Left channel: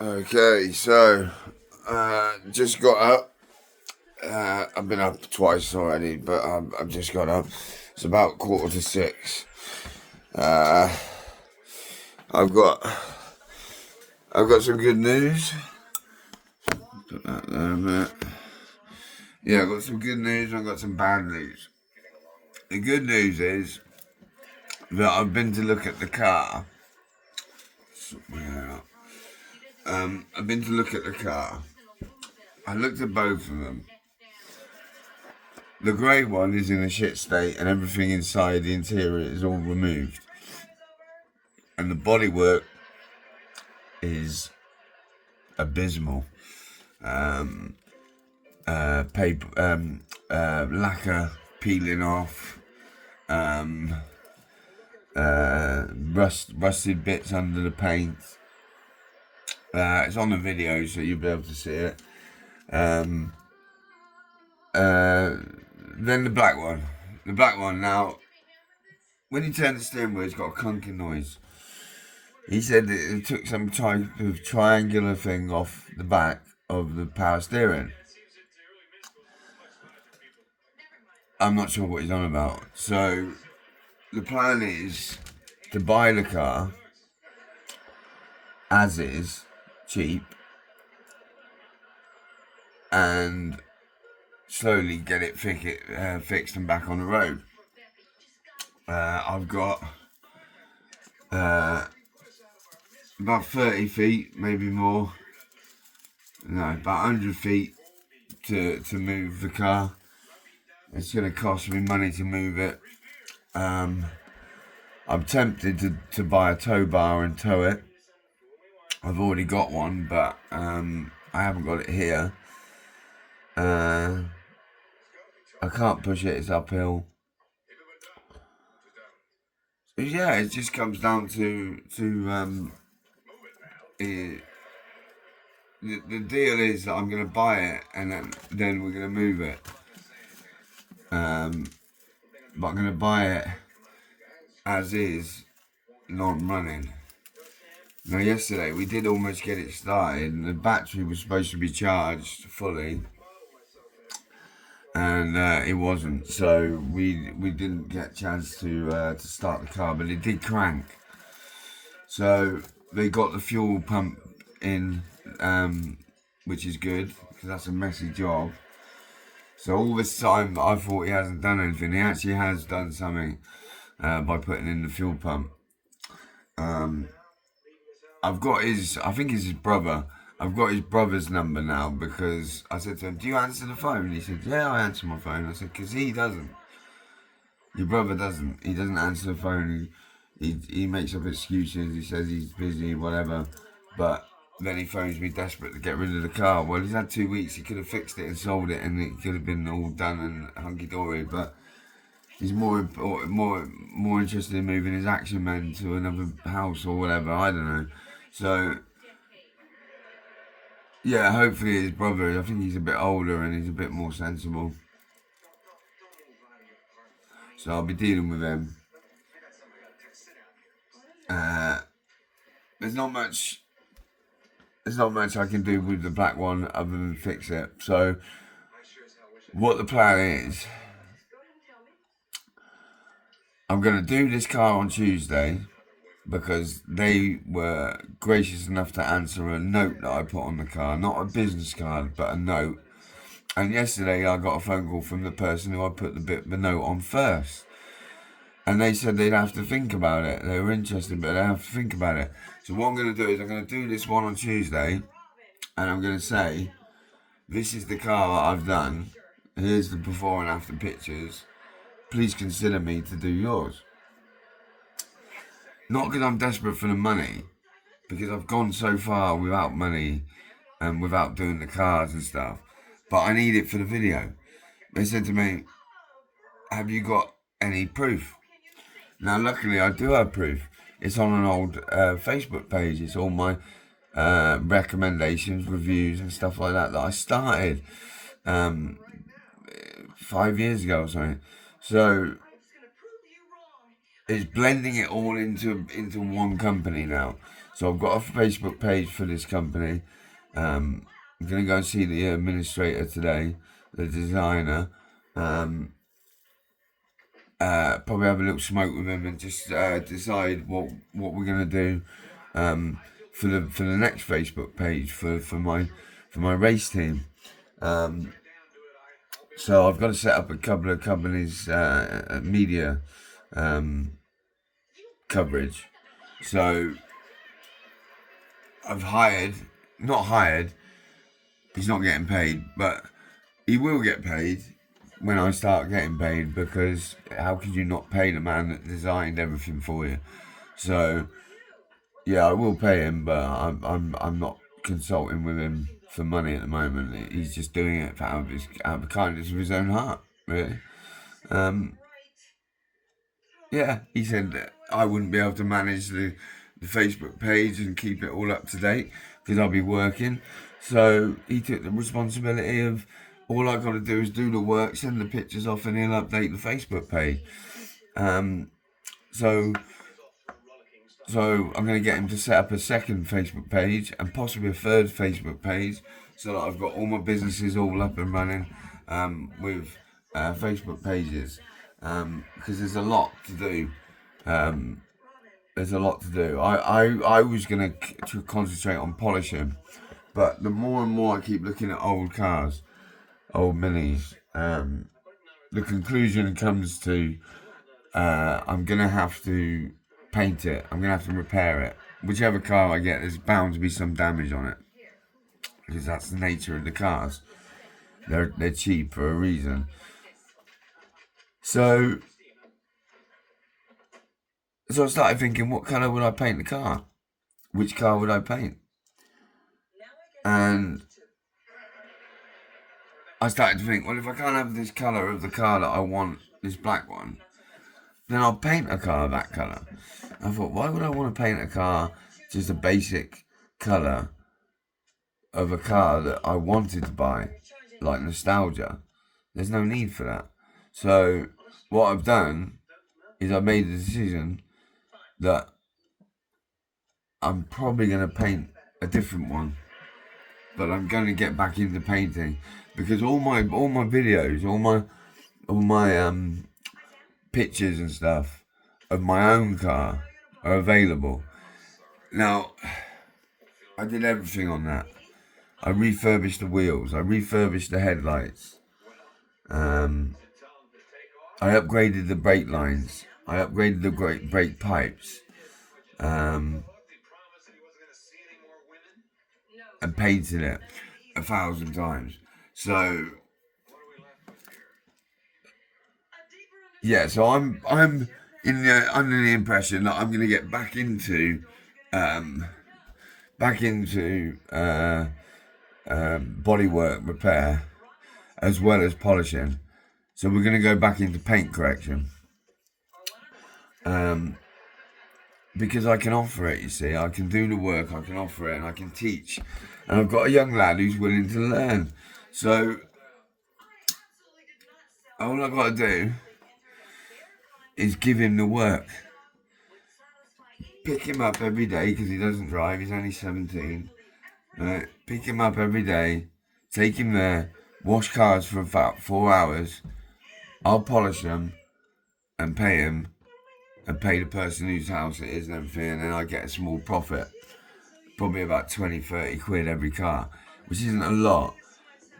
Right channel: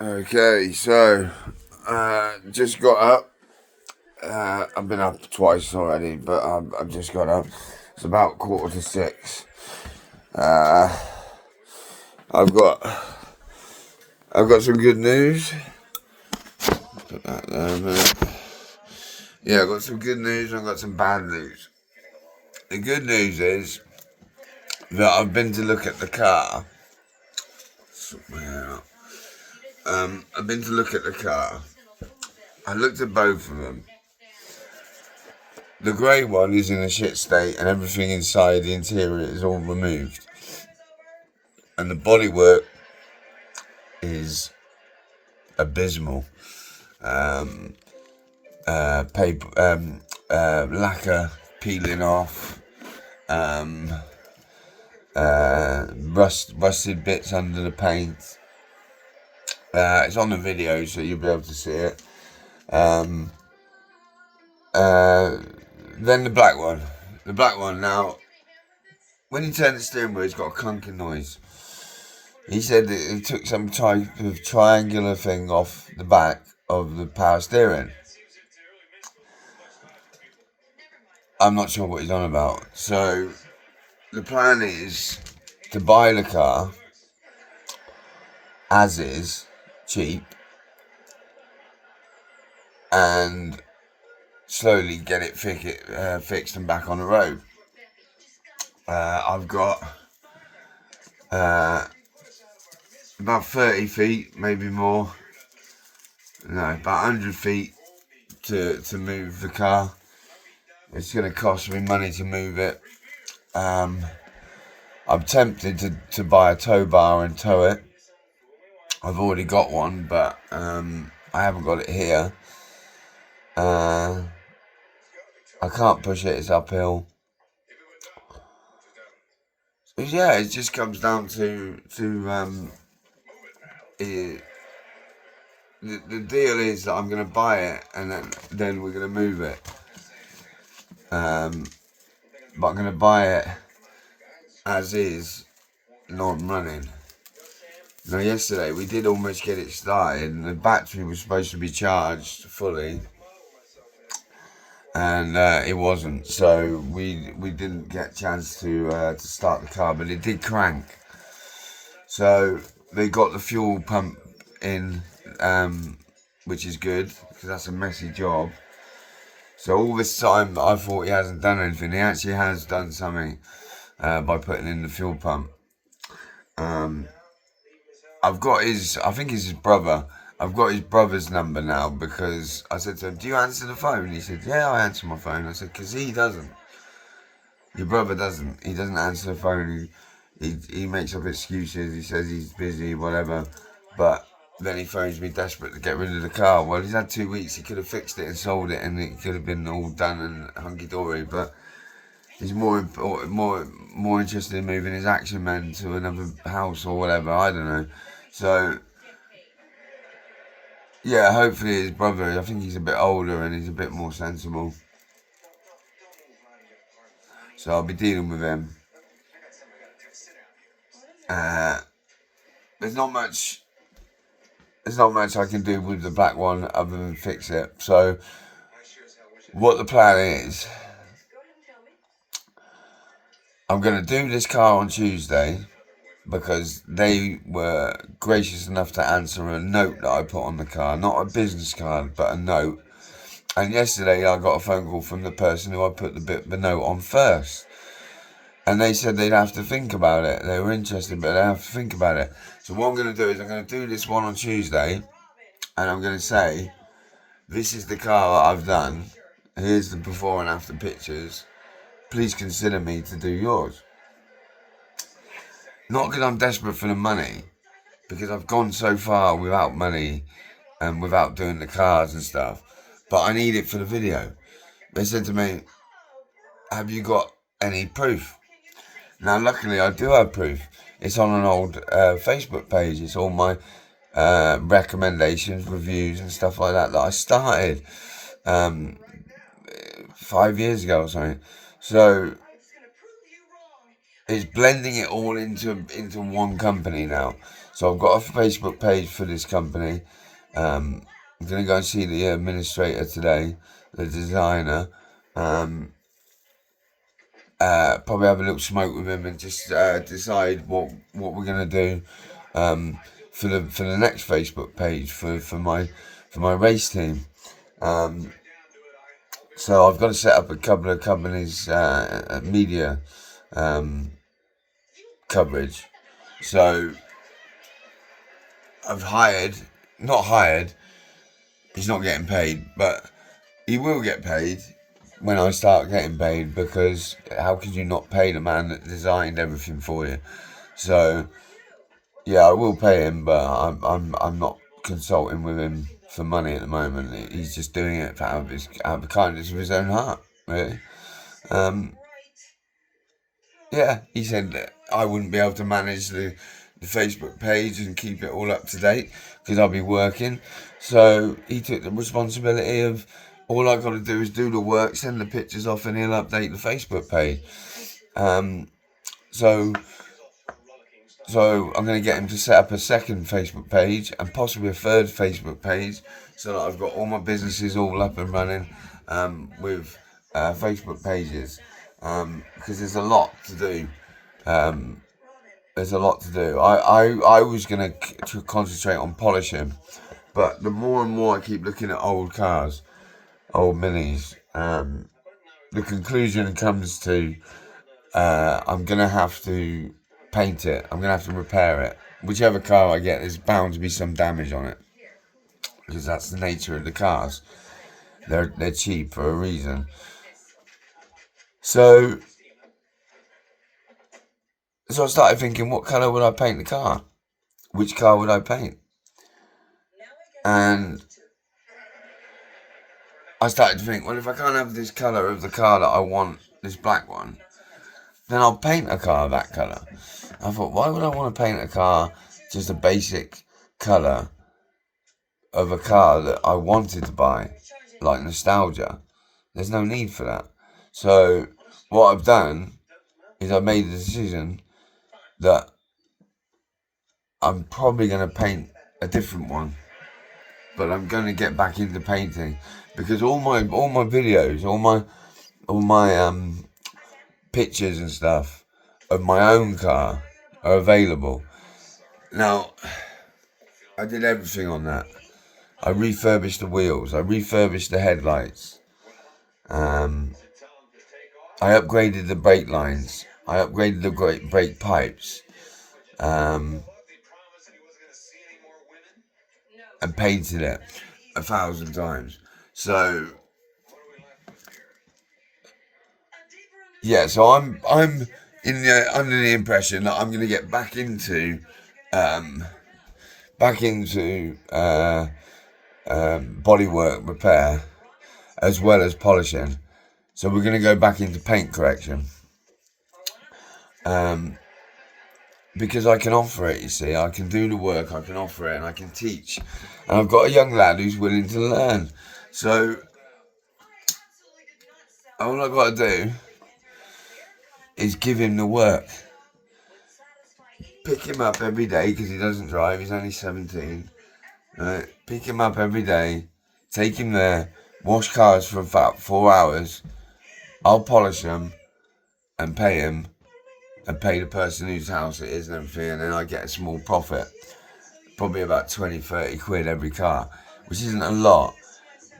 Okay, so just got up. I've been up twice already, but I've just got up. It's about 5:45. Uh, I've got I've got some good news. Put that there a minute. Yeah, I've got some good news. I've got some bad news. The good news is that I've been to look at the car. I've been to look at the car. I looked at both of them. The grey one is in a shit state, and everything inside the interior is all removed. And the bodywork is abysmal. Paper, lacquer peeling off, rusted bits under the paint. It's on the video, so you'll be able to see it. Then the black one. The black one, now, when you turn the steering wheel, it's got a clunking noise. He said that it took some type of triangular thing off the back of the power steering. I'm not sure what he's on about. So the plan is to buy the car as is, cheap, and slowly get it fixed and back on the road. I've got about 30 feet, maybe more. No, about 100 feet to move the car. It's going to cost me money to move it. I'm tempted to buy a tow bar and tow it. I've already got one, but I haven't got it here. I can't push it, it's uphill. So yeah, it just comes down to the deal is that I'm going to buy it and then we're going to move it. But I'm going to buy it as is, not running. Now, yesterday we did almost get it started, and the battery was supposed to be charged fully, and it wasn't. So we didn't get a chance to start the car, but it did crank. So they got the fuel pump in, which is good because that's a messy job. So all this time I thought he hasn't done anything. He actually has done something by putting in the fuel pump. I've got I think it's his brother. I've got his brother's number now because I said to him, "Do you answer the phone?" He said, "Yeah, I answer my phone." I said, "Because he doesn't. Your brother doesn't. He doesn't answer the phone. He makes up excuses. He says he's busy, whatever. But then he phones me desperate to get rid of the car. Well, he's had 2 weeks. He could have fixed it and sold it, and it could have been all done and hunky dory. But he's more interested in moving his action man to another house or whatever. I don't know. So yeah, hopefully his brother. I think he's a bit older and he's a bit more sensible. So I'll be dealing with him. There's not much. There's not much I can do with the black one other than fix it. So what the plan is, I'm going to do this car on Tuesday because they were gracious enough to answer a note that I put on the car. Not a business card, but a note. And yesterday I got a phone call from the person who I put the note on first. And they said they'd have to think about it. They were interested, but they have to think about it. So what I'm going to do is I'm going to do this one on Tuesday. And I'm going to say, this is the car that I've done. Here's the before and after pictures. Please consider me to do yours. Not because I'm desperate for the money, because I've gone so far without money and without doing the cars and stuff. But I need it for the video. They said to me, have you got any proof? Now, luckily, I do have proof. It's on an old Facebook page. It's all my recommendations, reviews, and stuff like that I started 5 years ago or something. So it's blending it all into one company now. So I've got a Facebook page for this company. I'm going to go and see the administrator today, the designer. Probably have a little smoke with him and just decide what we're going to do for the next Facebook page for my race team. So I've got to set up a couple of companies' media coverage. So I've not hired. He's not getting paid, but he will get paid when I start getting paid, because how could you not pay the man that designed everything for you? So yeah, I will pay him, but I'm not consulting with him for money at the moment. He's just doing it out of the kindness of his own heart, really. Yeah, he said that I wouldn't be able to manage the Facebook page and keep it all up to date because I'll be working. So he took the responsibility of, all I got to do is do the work, send the pictures off, and he'll update the Facebook page. So I'm going to get him to set up a second Facebook page and possibly a third Facebook page, so that I've got all my businesses all up and running with Facebook pages, because there's a lot to do. There's a lot to do. I was going to concentrate on polishing, but the more and more I keep looking at old cars, old minis, the conclusion comes to I'm going to have to paint it. I'm going to have to repair it. Whichever car I get, there's bound to be some damage on it, because that's the nature of the cars. They're cheap for a reason. So I started thinking, what colour would I paint the car? Which car would I paint? And I started to think, well, if I can't have this colour of the car that I want, this black one, then I'll paint a car that colour. I thought, why would I want to paint a car just a basic colour of a car that I wanted to buy, like nostalgia? There's no need for that. So what I've done is I made the decision that I'm probably going to paint a different one, but I'm going to get back into painting, because all my videos, all my pictures and stuff of my own car are available. Now, I did everything on that. I refurbished the wheels. I refurbished the headlights. I upgraded the brake lines. I upgraded the brake pipes. And painted it 1,000 times. So yeah, so I'm under the impression that I'm going to get back into bodywork repair as well as polishing. So we're going to go back into paint correction, because I can offer it. You see, I can do the work, I can offer it, and I can teach. And I've got a young lad who's willing to learn. So all I've got to do is give him the work. Pick him up every day, because he doesn't drive. He's only 17. Right? Pick him up every day. Take him there. Wash cars for about 4 hours. I'll polish them and pay him, and pay the person whose house it is and everything, and then I get a small profit. Probably about 20-30 quid every car, which isn't a lot,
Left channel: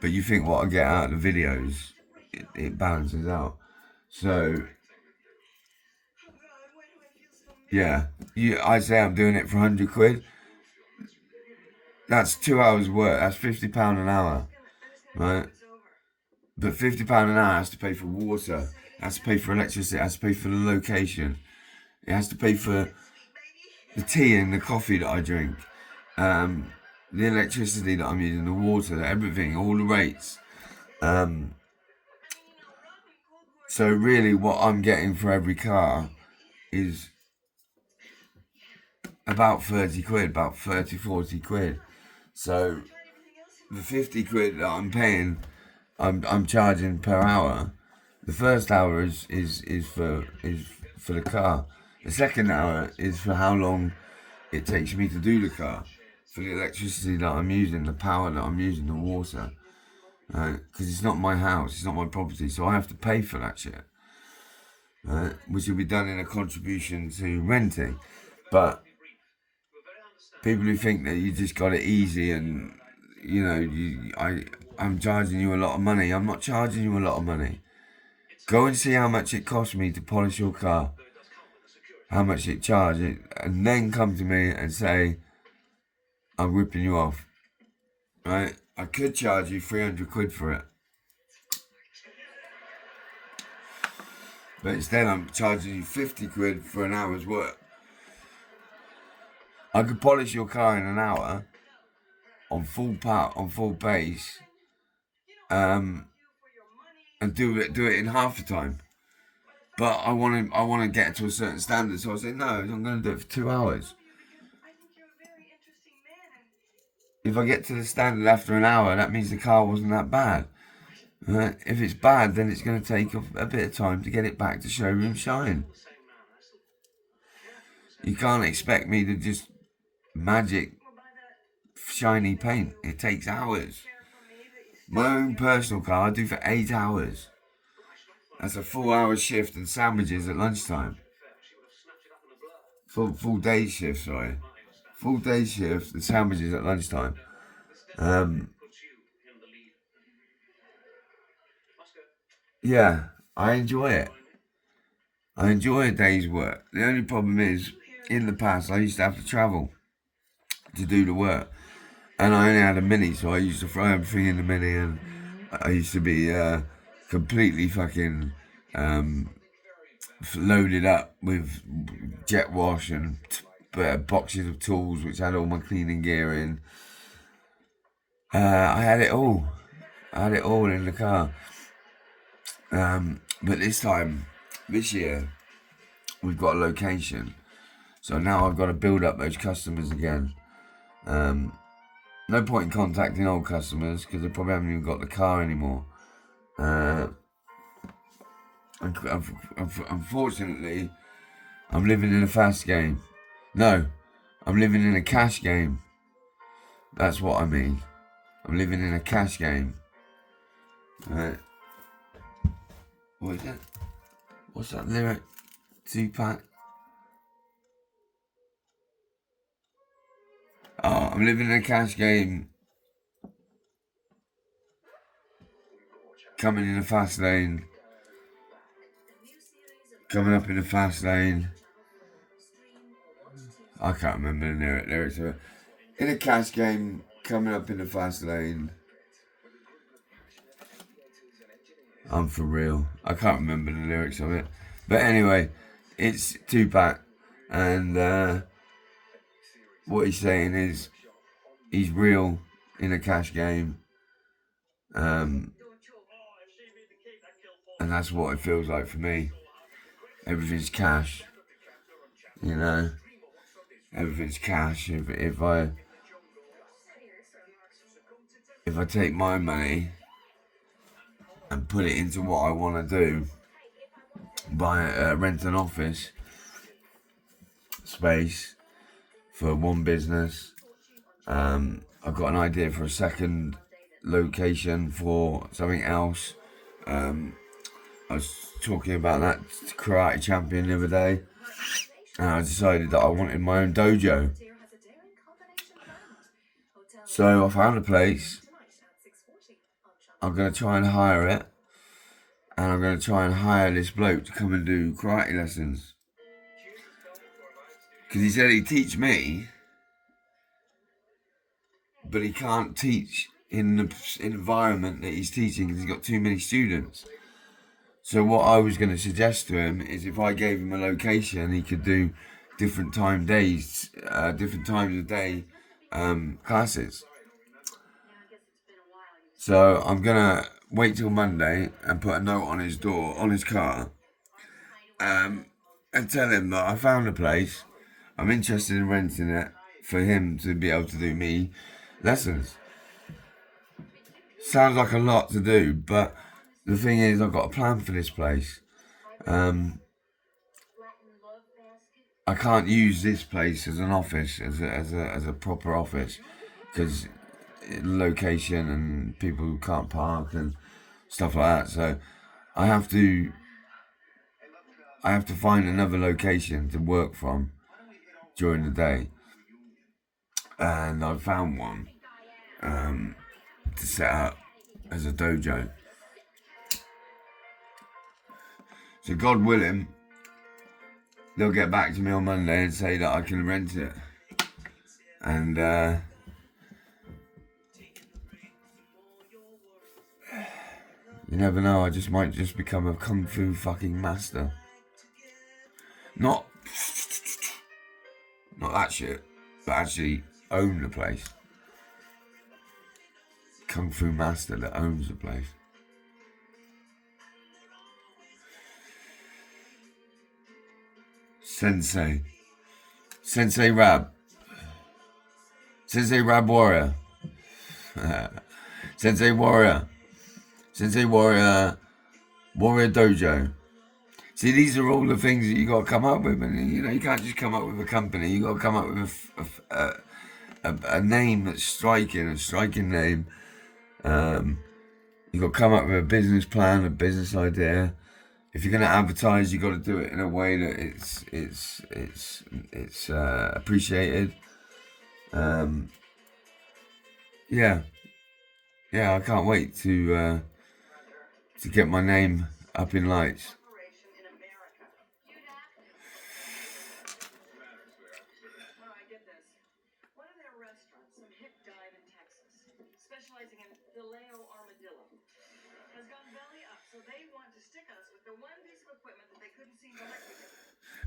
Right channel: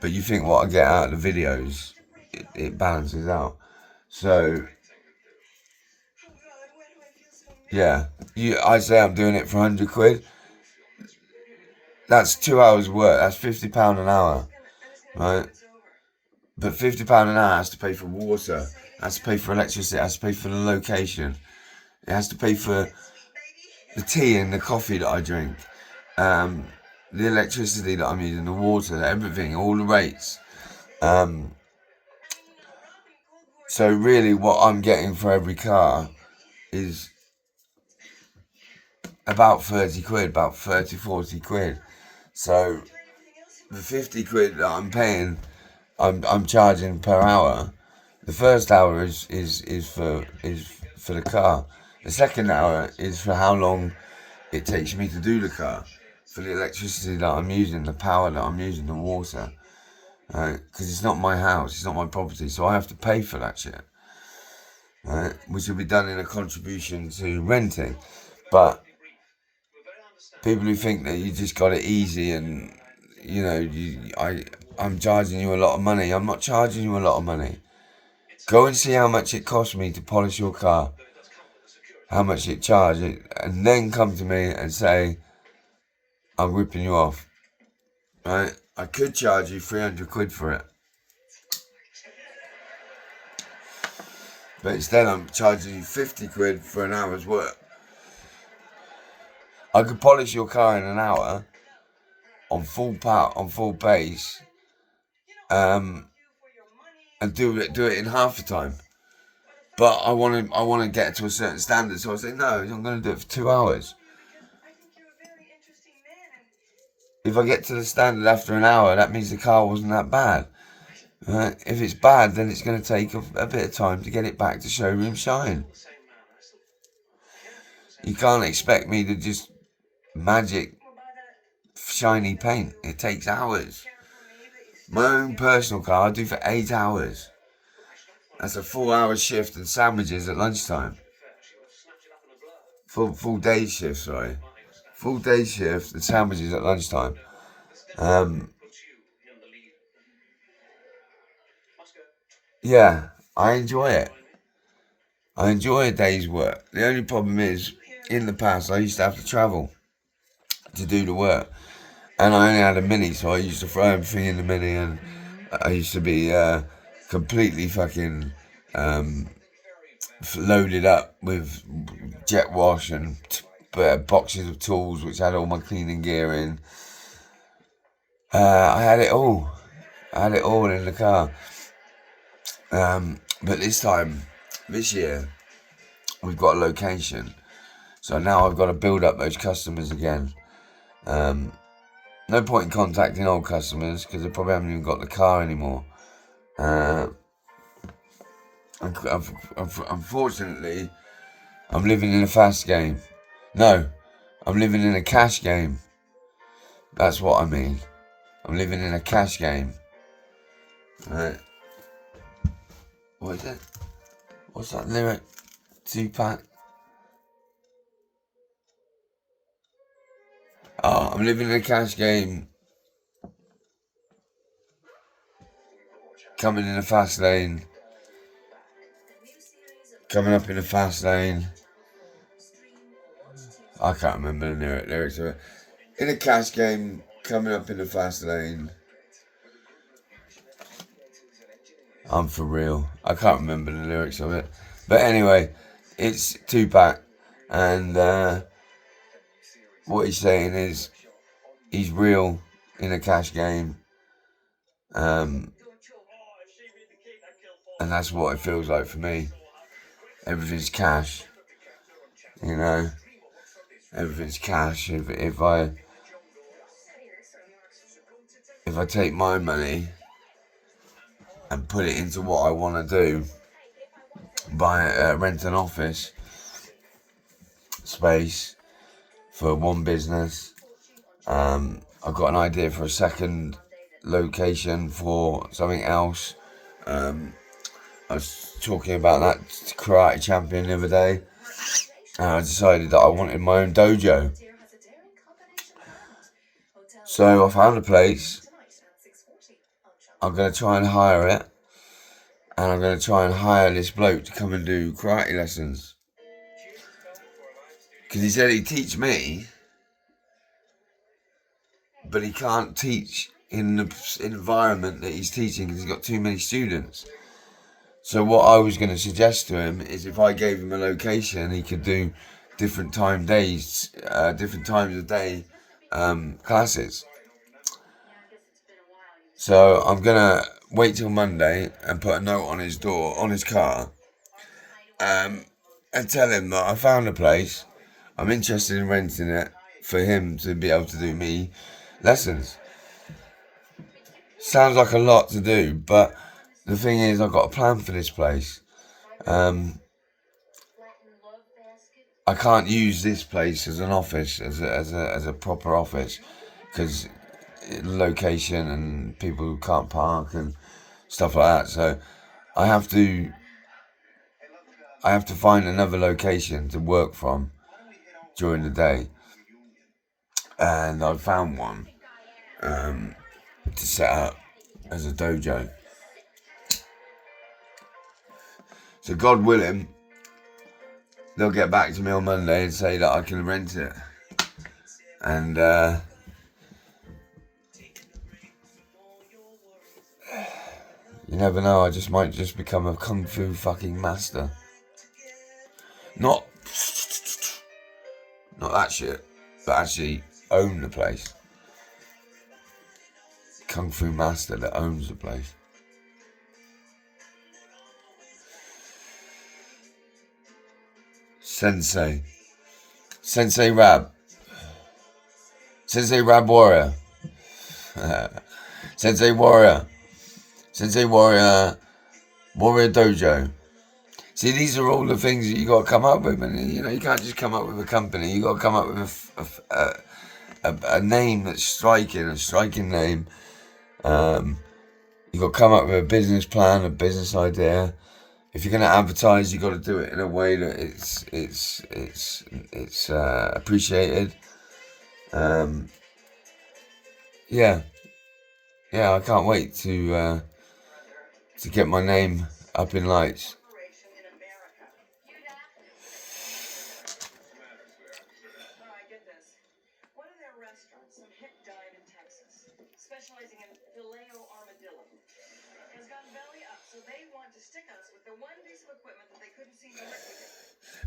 but you think what I get out of the videos, it balances out. So yeah, I say I'm doing it for 100 quid. That's 2 hours work. That's £50 an hour, right? But £50 an hour has to pay for water, has to pay for electricity, has to pay for the location, it has to pay for the tea and the coffee that I drink, the electricity that I'm using, the water, everything, all the rates. So really what I'm getting for every car is about 30 quid, about 40 quid. So the 50 quid that I'm paying, I'm charging per hour. The first hour is for the car. The second hour is for how long it takes me to do the car, for the electricity that I'm using, the power that I'm using, the water. Because it's not my house, it's not my property, so I have to pay for that shit. Which will be done in a contribution to renting. But people who think that you just got it easy and, I'm charging you a lot of money. I'm not charging you a lot of money. Go and see how much it cost me to polish your car. How much it charged. And then come to me and say, I'm ripping you off. Right? I could charge you 300 quid for it. But instead I'm charging you 50 quid for an hour's work. I could polish your car in an hour on full power, on full pace, and do it in half the time. But I want to get to a certain standard, so I say no. I'm going to do it for 2 hours. If I get to the standard after an hour, that means the car wasn't that bad. Right? If it's bad, then it's going to take a bit of time to get it back to showroom shine. You can't expect me to just magic shiny paint. It takes hours. My own personal car I do for 8 hours. That's a 4-hour shift and sandwiches at lunchtime. Full day shift, sorry. Full day shift and sandwiches at lunchtime. Yeah, I enjoy it. I enjoy a day's work. The only problem is, in the past, I used to have to travel to do the work. And I only had a Mini, so I used to throw everything in the Mini, and I used to be completely fucking loaded up with jet wash and boxes of tools which had all my cleaning gear in. I had it all. In the car. But this year, we've got a location. So now I've got to build up those customers again. No point in contacting old customers because they probably haven't even got the car anymore. Unfortunately, I'm living in a fast game. No, I'm living in a cash game. That's what I mean. I'm living in a cash game. What is it? What's that lyric? Tupac? Oh, I'm living in a cash game. Coming in a fast lane. Coming up in a fast lane. I can't remember the lyrics of it. In a cash game, coming up in the fast lane. I'm for real. I can't remember the lyrics of it. But anyway, it's Tupac. And what he's saying is he's real in a cash game. And that's what it feels like for me. Everything's cash. Everything's cash. If I take my money and put it into what I want to do, rent an office space for one business. I've got an idea for a second location for something else. I was talking about that karate champion the other day, and I decided that I wanted my own dojo. So I found a place. I'm going to try and hire it, and I'm going to try and hire this bloke to come and do karate lessons. Because he said he'd teach me, but he can't teach in the environment that he's teaching because he's got too many students. So what I was going to suggest to him is if I gave him a location, he could do different times of day classes. So I'm going to wait till Monday and put a note on his door, on his car, and tell him that I found a place. I'm interested in renting it for him to be able to do me lessons. Sounds like a lot to do, but the thing is, I've got a plan for this place. I can't use this place as an office, as a proper office, because location and people who can't park and stuff like that. So I have to find another location to work from during the day, and I found one to set up as a dojo. So God willing, they'll get back to me on Monday and say that I can rent it. And you never know, I might just become a kung fu fucking master. Not that shit, but actually own the place. Kung fu master that owns the place. Sensei Rab Warrior. Sensei Warrior Dojo. See, these are all the things that you got to come up with, and you can't just come up with a company. You got to come up with a name that's striking, a striking name. You got to come up with a business plan, a business idea. If you're going to advertise, you got to do it in a way that it's appreciated. Yeah, I can't wait to get my name up in lights.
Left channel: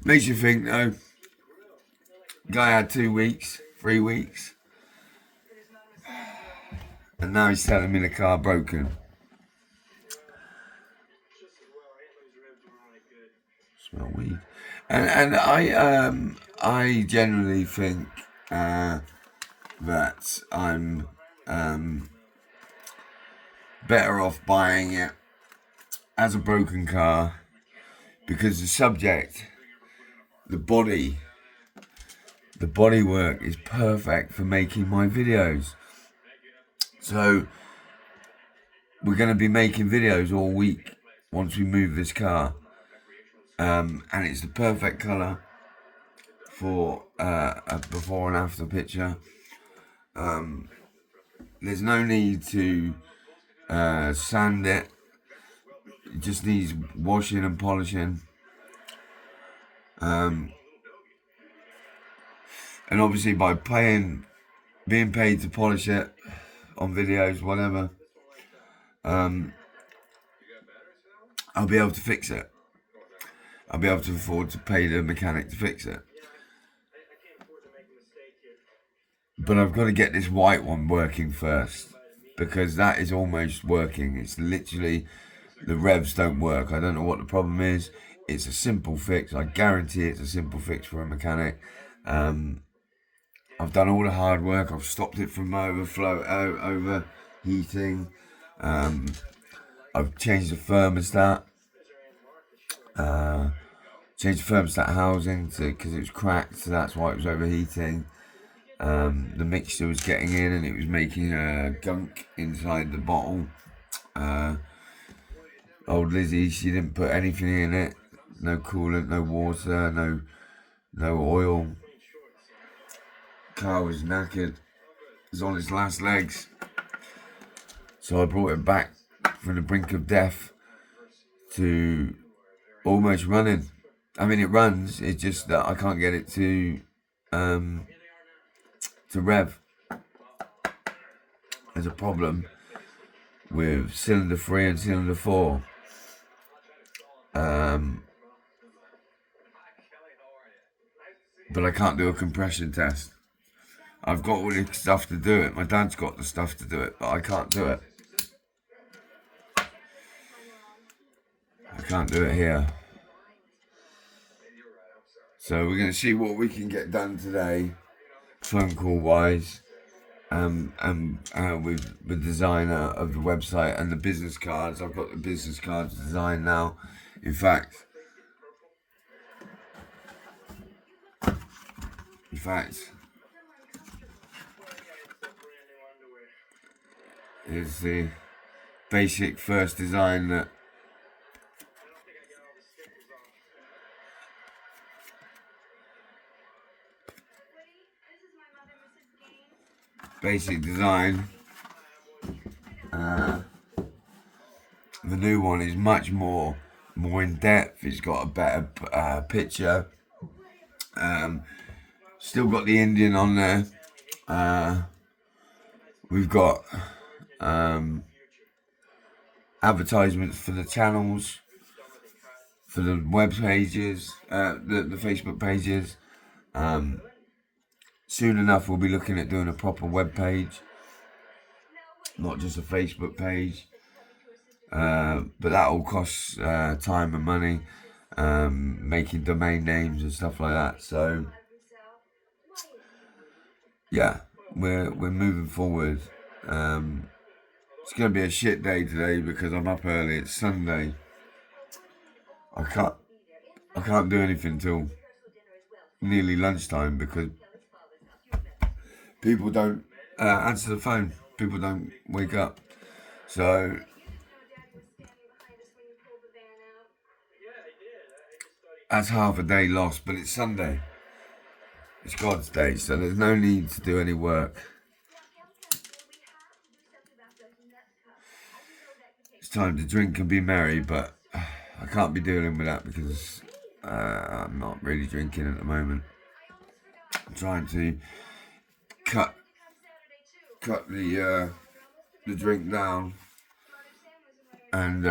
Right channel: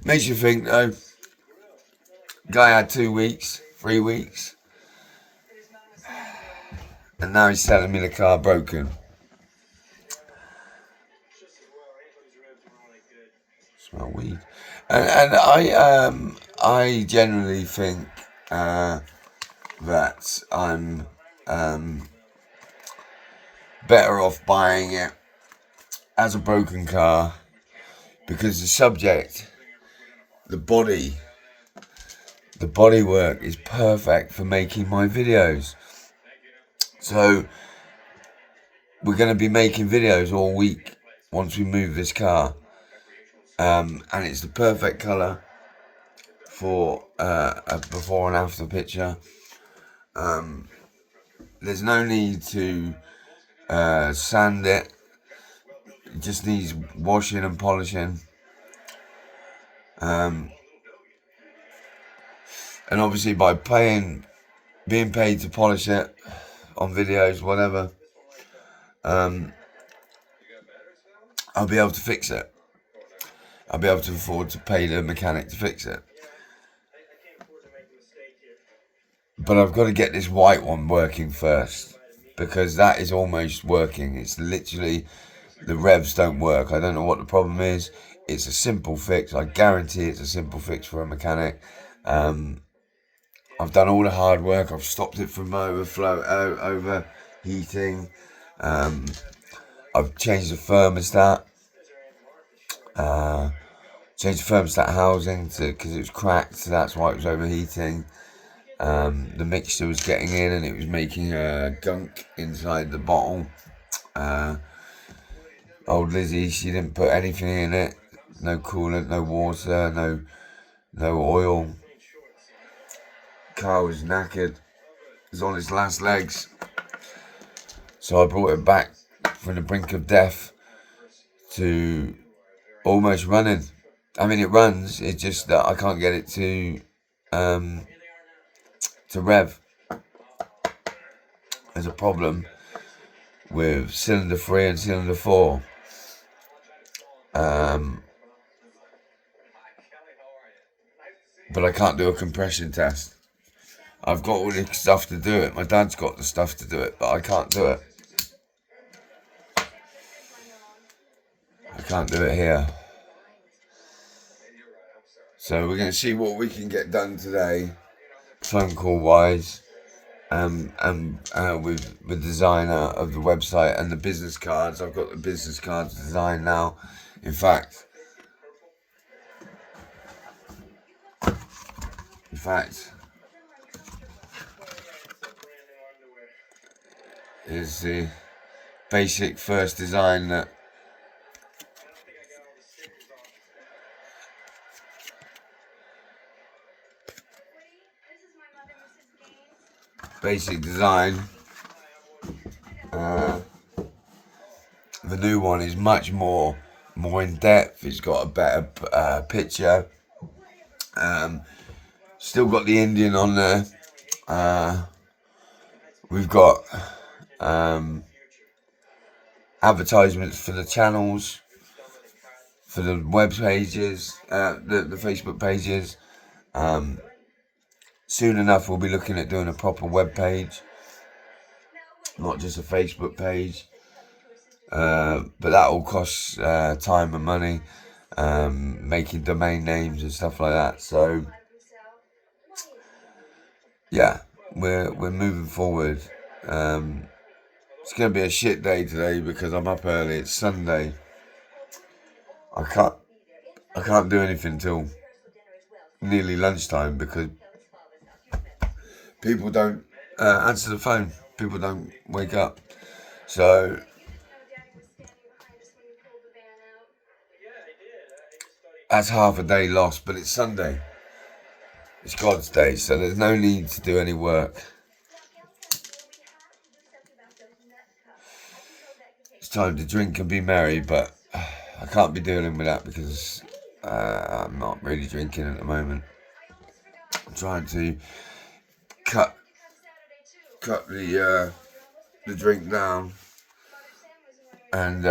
Makes you think though. Guy had 2 weeks, 3 weeks, and now he's telling me the car broken. Smell weed, and I generally think that I'm better off buying it as a broken car, because the subject, the bodywork is perfect for making my videos. So we're going to be making videos all week once we move this car, and it's the perfect colour for a before and after picture. There's no need to sand it. It just needs washing and polishing. And obviously by being paid to polish it on videos, whatever, I'll be able to fix it. I'll be able to afford to pay the mechanic to fix it. But I've got to get this white one working first, because that is almost working. It's literally, the revs don't work. I don't know what the problem is. It's a simple fix. I guarantee it's a simple fix for a mechanic. I've done all the hard work. I've stopped it from overheating. I've changed the thermostat. Changed the thermostat housing because it was cracked, so that's why it was overheating. The mixture was getting in and it was making gunk inside the bottle. Old Lizzie, she didn't put anything in it. No coolant, no water, no oil. Car was knackered. It was on its last legs. So I brought it back from the brink of death to almost running. I mean, it runs. It's just that I can't get it to rev. There's a problem with cylinder 3 and cylinder 4. But I can't do a compression test. I've got all the stuff to do it. My dad's got the stuff to do it, but I can't do it. I can't do it here. So we're going to see what we can get done today, phone call wise, and with the designer of the website and the business cards. I've got the business cards designed now. In fact, fact, is the basic first design that basic design. The new one is much more in depth. It's got a better picture. Still got the Indian on there. We've got advertisements for the channels, for the web pages, the Facebook pages. Soon enough, we'll be looking at doing a proper web page, not just a Facebook page. But that all costs time and money, making domain names and stuff like that. So yeah, we're moving forward. It's gonna be a shit day today because I'm up early. It's Sunday. I can't do anything till nearly lunchtime because people don't answer the phone. People don't wake up. So that's half a day lost, but it's Sunday. It's God's day, so there's no need to do any work. It's time to drink and be merry, but I can't be dealing with that because I'm not really drinking at the moment. I'm trying to cut the drink down, and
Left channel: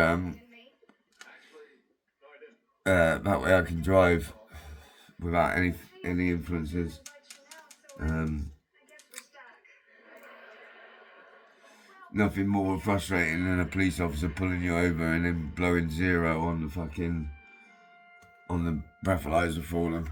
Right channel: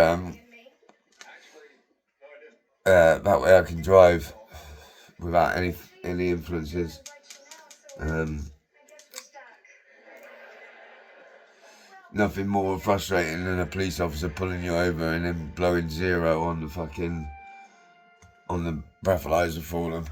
that way I can drive without any influences. Nothing more frustrating than a police officer pulling you over and then blowing zero on the breathalyzer for them.